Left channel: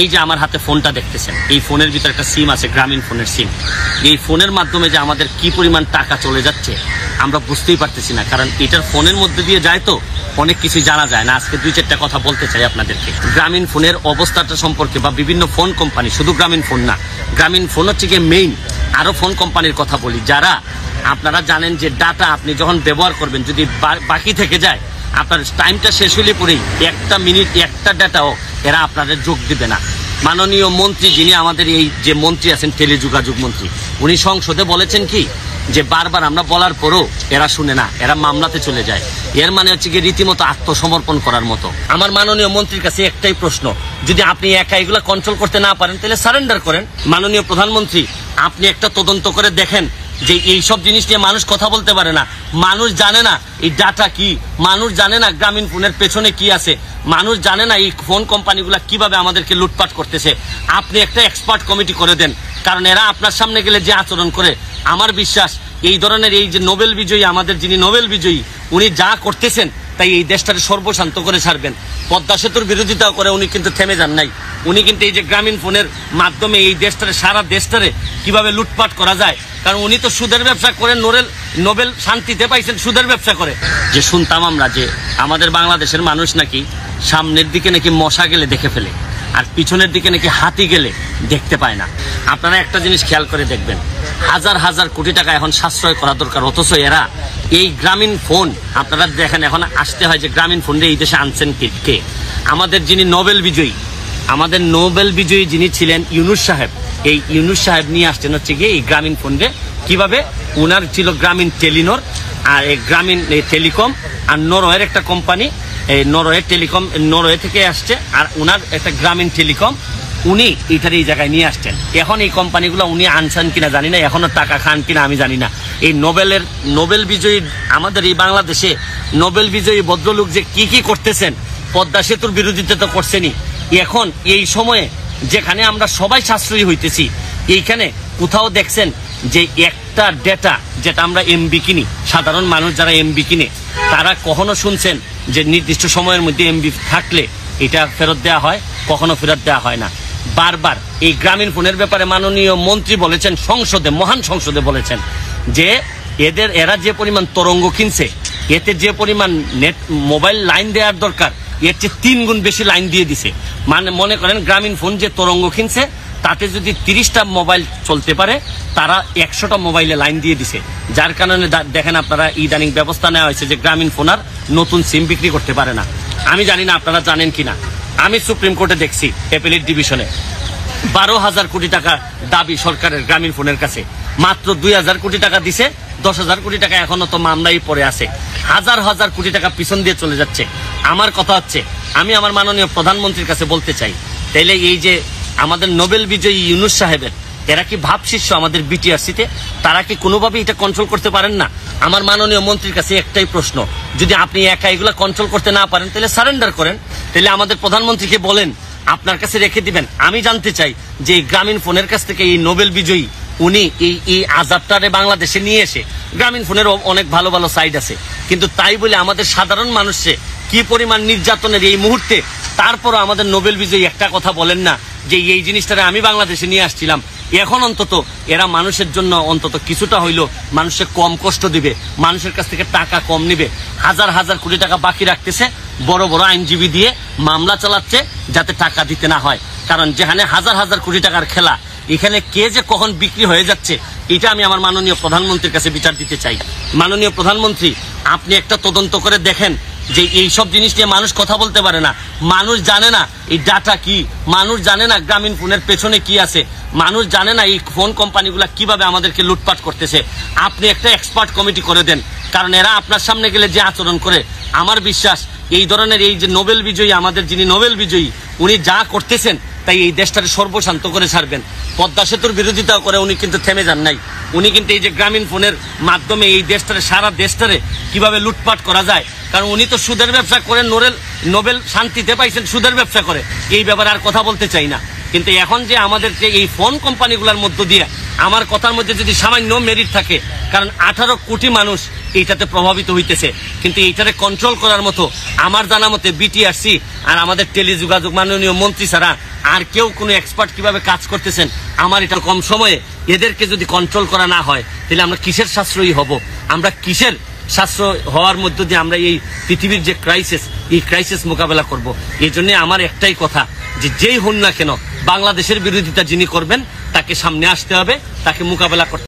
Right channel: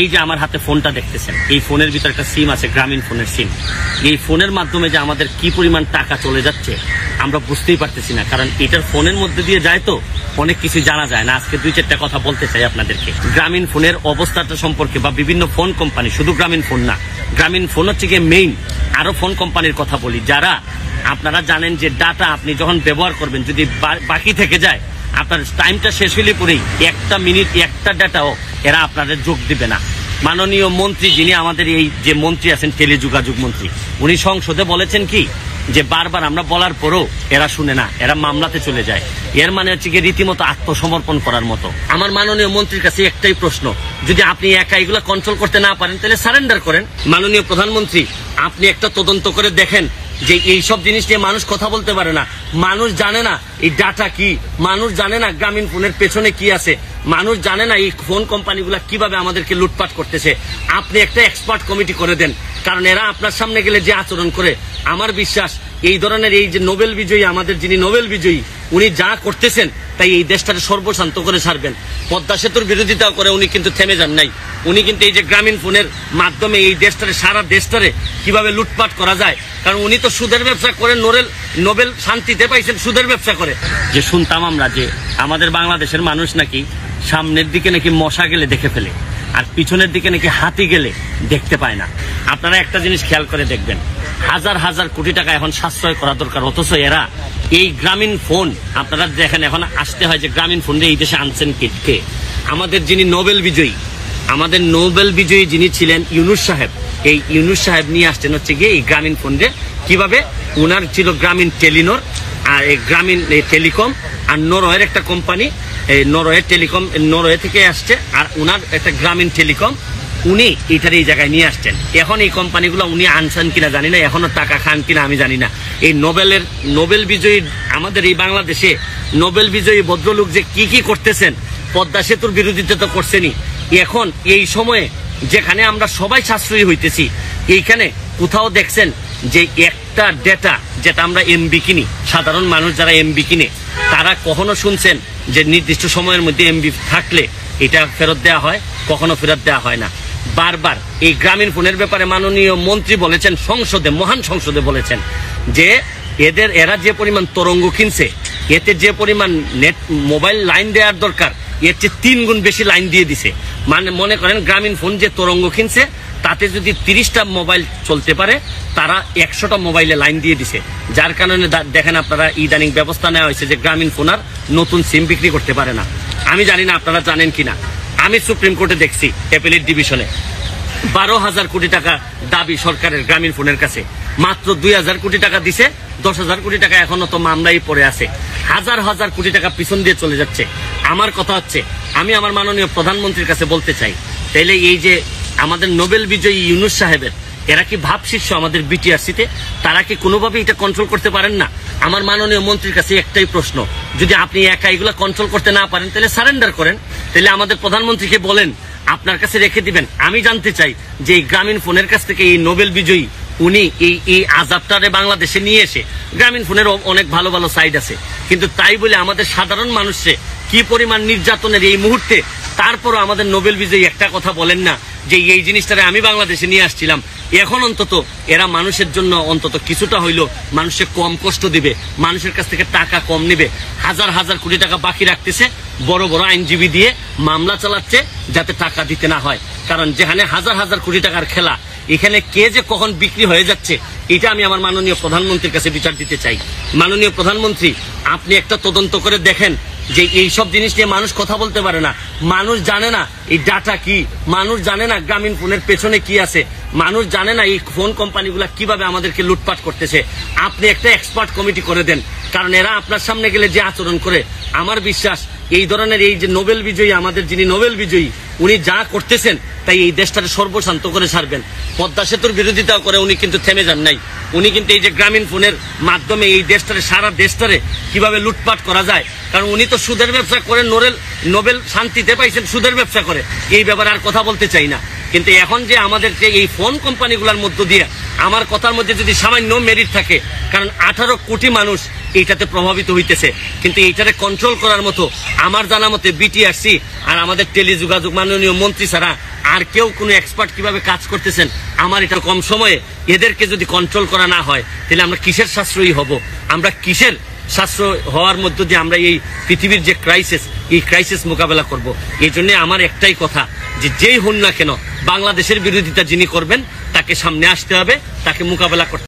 এই যে আমার হাতে ফোনটা দেখতেছেন, এই ফোনের ভিতরে একটা সিম আছে, গ্রামীণ ফোনের সিম। এই ফোনের মাধ্যমে যে আমাদের কি পরিমাণ টাকা চলে যাচ্ছে আমরা বুঝতেই পারতেছি না, কারণ এটার ফোনের মধ্যে দিয়ে যায় তো অনেক কিছু জানা যায় না। আজকে 2-4টা কথা বলতে চাই আপনাদেরকে গ্রামীণ ফোনের অবস্থাটা সম্পর্কে, বা বিভিন্ন ফোন কোম্পানি, শুধু গ্রামীণ ফোন না, গ্রামীণ ফোন হচ্ছে গিয়ে মেইন। আরো ফোন কোম্পানির কথা বলি, যারা আপনারা জানেন যে ডাটা আপনি যখন ব্যবহার করবেন যদি বাকি থেকে যায়, আপনার টাইমটা শেষ হলে পরেই 1 মিনিট 1টা ডাটাও এরা আপনাদের যোগ দিবে না। মাননীয় মন্ত্রী, যিনি আমাদের এই যে মন্ত্রী আছেন টেলিযোগাযোগ মন্ত্রী, উনি সংসদে বলেছেন কি যে বারবার আমরা বলার পরও এরা শুনে না, এরা মামলাতে চলে যায়। এর মানে হচ্ছে কি রীতিমতো আত্মসমর্পণ করার মতো। আমার মাননীয় মন্ত্রীর কাছে একটাই প্রশ্ন, যদি আপনি একা এগুলা কন্ট্রোল করতে না পারেন তাহলে সারেন্ডার করেন। মাননীয় প্রধানমন্ত্রী, আপনি একটা তদন্ত করে দেখেন যে এইসব জিনিস নিয়ে মানুষ কথা বলতে পারে না, মানুষ জানে না এই ডাটা কি, মানুষ জানে না গ্রামীণ ফোনের পেছনে কি আছে, মানুষ জানে না এই ফোন কোম্পানিগুলা কিভাবে আমাদেরকে লুটপাট করতেছে। আপনি একটা এক্সপার্ট কমিটি করে দেন, কারণ এরা আপনার সামনে গেলে যে আচরণ করে, আমার বিশ্বাস এই ধরনের এই যে নোবেল বিজয়ী, আমাদের যিনি নোবেল বিজয়ী, উনি যা করতেছেন তাই এই দেশটাকে সর্বশান্ত করে ছাড়বেন। পদ্মা সেতুর বিরোধিতা করে উনি কিন্তু থেমে যান নাই। উনি কিন্তু এই যে গ্রামীণ ফোনের মাধ্যমে এই দেশটারে, সারা দেশটারে কিভাবে লুটপাট করা যায়, কারণ উনি তো সুদের ব্যবসা করে নোবেল শান্তিতে পাইছেন সুদের ব্যবসা করে। যে শুনতাম আমরা যে আমাদের বাংলাদেশের মানুষ নাকি সামনের দিকে নাকি মশা গেলে দেখে ফেলে, আর পিছনের দিকে নাকি হাতি গেলে দেখতে পায় না। আপনারা একটা জিনিস খেয়াল করে দেখবেন, হাজার হাজার কোটি টাকা এখন সাশ্রয় করা দরকার, অথচ এরা এই গ্রামীণ ফোন, আপনারা দেখেন এখন আসতে হয় যে গ্রামীণ ফোন এই দেশে আনছেন কে? আমাদের যিনি নোবেল বিজয়ী, আমাদের নোবেল বিজয়ী যিনি ছিলেন ইউনুস সাহেব, এই ইউনুস সাহেব নিয়ে আসছেন হচ্ছে গিয়ে এই গ্রামীণ ফোনে। কিভাবে? উনার ছিল গ্রামীণ টেলিনর, আর এই গ্রামীণ টেলিকম, আর নরওয়ের একটা কোম্পানি, এই নরওয়ে টেলিকম, নরওয়ে থেকে আসছে, আর উনার একটা গ্রামীণ টেলিকম, উনি এটার এই জায়গায় নিয়ে আসছেন। এখন এই কোম্পানিগুলো উনি আনছেন কিনা জানি না, এখনো টাকা খান কিনা আমি জানি না। এই নোবেল বিজয়ী আমাদের এই বাংলাদেশে নোবেল বিজয়ী ভদ্রলোক যে কি করতেছেন, পদ্মা সেতুর বিরোধিতা তো করছেনই, এখন এই সময়ে যেখানে আমরা সবাই সাশ্রয়ী হইতেছি, এইখানে কোথাও দেখছেন যে একটা ডেটা যেটা আমরা এমবি কিনি, সাধারণ মানুষ যারা এমবি কিনে, তারা কখনো শুনছেন যে নির্দিষ্ট সময়ের মধ্যে এমবি থাকলে এটা ফেরত দেওয়া হয়? কখনো ফেরত দেওয়া হয় না। বারবার এই গ্রামীণ ফোনের ব্যাপারে মাননীয় মন্ত্রী বলেছেন সংসদে, মহান সংসদে বলেছেন যে এরা যে পরিমাণ তরঙ্গ কিনছে, এতে যে পরিমাণ নেট মোবাইল লাইন দেওয়ার দরকার, এর চেয়ে 3 গুণ বেশি লাইন দিয়ে দিছে। মানে মনে করেন গ্রামীণ ফোন যে তরঙ্গ কিনছে, তাতে যদি 30টা মোবাইল চলতে পারে, তারা 100টা মোবাইলে লাইন দিয়ে দিছে। যার কারণে দেখেন আপনারা ইদানিং ব্যবস্থা নেওয়া হয়েছে যে গ্রামীণ ফোন আর নতুন সিম বিক্রি করতে পারে না। আমি জানি না আপনারা জানেন কিনা, আমি সুপ্রিম কোর্টে দেখছি অ্যাপিলেট ডিভিশনে 12,000 কোটি টাকা দাবি সরকারের গ্রামীণ ফোনের কাছে, মাত্র 2,000 কোটি টাকা দিছে, 10,000 কোটি টাকা এখনো তো মামলাই পড়ে আছে, হাজার হাজার কোটি টাকা পিছন দিয়ে চলে যাচ্ছে। আমার কথা হচ্ছে, আমি আমার মাননীয় প্রধানমন্ত্রীর কাছে বলতে চাই, তাইলে এই যে আমাদের নোবেল বিজয়ী ইউনুস সাহেবের, এরা কি ভাব শীর্ষ আমাদের বিটিআরসিতে, তারা কি কোনোভাবে এটা কন্ট্রোল করতে পারেন না? আমার মাননীয় মন্ত্রীর কাছে একটাই প্রশ্ন, যদি আপনি একা এগুলা কন্ট্রোল করতে না পারেন তাহলে সারেন্ডার করেন, তাহলে আমাদের প্রধানমন্ত্রীকে বলেন আপনার কাছে রেখে দিবেন। আমি জানতে চাই যে এই গ্রামীণ ফোনের কাছ থেকে এই নোবেল বিজয়ী উনি এই আজাবটারে বাংলাদেশে নিয়ে এসে, গ্রামীণ ফোনের অনেক ভালো ভালো সাইড আছে, কিন্তু তাই বলে আমাদের সাধারণ মানুষে কি পরিমাণ নির্যাতনের এই মুহূর্তে, তারপরও আমাদের নোবেল বিজয়ী একটা কথা বলেন না যে এই জিনিসটারে আমি বাংলাদেশে নিয়ে আসছিলাম। এখন অন্তত এরা মানুষের জন্য অন্তত কিছুটা হইলো মানুষের কম কষ্ট দিবে, মানুষের কাছ থেকে টাকা কম নিবে। হাজার হাজার কোটি টাকা বাকি রাখতেছে, বড় বড় আইনজীবী দিয়ে মামলা চালাচ্ছে যাতে টাকা দিতে না হয়। কারণ যেখানে হাজার হাজার কোটি টাকার খেলা, এখানে কে যে কখন বিক্রি হয়ে যাচ্ছে, এটা আমি আমার মাননীয় প্রধানমন্ত্রীর কাছে বিচার দিতে চাই। মাননীয় প্রধানমন্ত্রী, আপনি একটা তদন্ত করে দেখেন যে এইসব জিনিস নিয়ে মানুষ কথা বলতে পারে না, মানুষ জানে না এই ডাটা কি, মানুষ জানে না গ্রামীণ ফোনের পেছনে কি আছে, মানুষ জানে না এই ফোন কোম্পানিগুলা কিভাবে আমাদেরকে লুটপাট করতেছে। আপনি একটা এক্সপার্ট কমিটি করে দেন, কারণ এরা আপনার সামনে গেলে যে আচরণ করে, আমার বিশ্বাস এই ধরনের এই যে নোবেল বিজয়ী, আমাদের যিনি নোবেল বিজয়ী, উনি যা করতেছেন তাই এই দেশটাকে সর্বশান্ত করে ছাড়বেন। পদ্মা সেতুর বিরোধিতা করে উনি কিন্তু থেমে যান নাই। উনি কিন্তু এই যে গ্রামীণ ফোনের মাধ্যমে এই দেশটারে, সারা দেশটারে কিভাবে লুটপাট করা যায়, কারণ উনি তো সুদের ব্যবসা করে নোবেল শান্তিতে পাইছেন সুদের ব্যবসা করে, এই ব্যাপারে আর কথা বলতে চাই না। কিন্তু এখন যে আমাদেরকে এই ফোন কোম্পানিগুলোর মধ্য দিয়ে, আমার কথার মধ্যে যদি সামান্য মেরিট থাকে, কারণ 18 কোটি মানুষ এইটাতে প্রভাবিত হইতেছে, কিন্তু এইটারে কন্ট্রোল করার মতো আমার জানা মতে বিটিআরসি আর আমাদের টেলিযোগাযোগ মাননীয় মন্ত্রী ছাড়া আর কেউ কোনো এক্সপার্ট কিভাবে কাজ করতেছেন, আমার এটা কম সময়ে এদেরকে যদি কন্ট্রোল করা না হয় তাহলে আমরা কিসের সাশ্রয়ী হব? আমরা কিসের সাশ্রয় হওয়ার মধ্য দিয়ে আমরা এই পৃথিবীর যে ক্রাইসিস, এই ক্রাইসিস মোকাবেলা করব? এই জন্য আমার একটাই কথা, যে যেই হন না কেন বাংলাদেশের বিরোধিতা যিনি করবেন তাকে সামনে আসতে হবে, তাকে মোকাবেলা করতে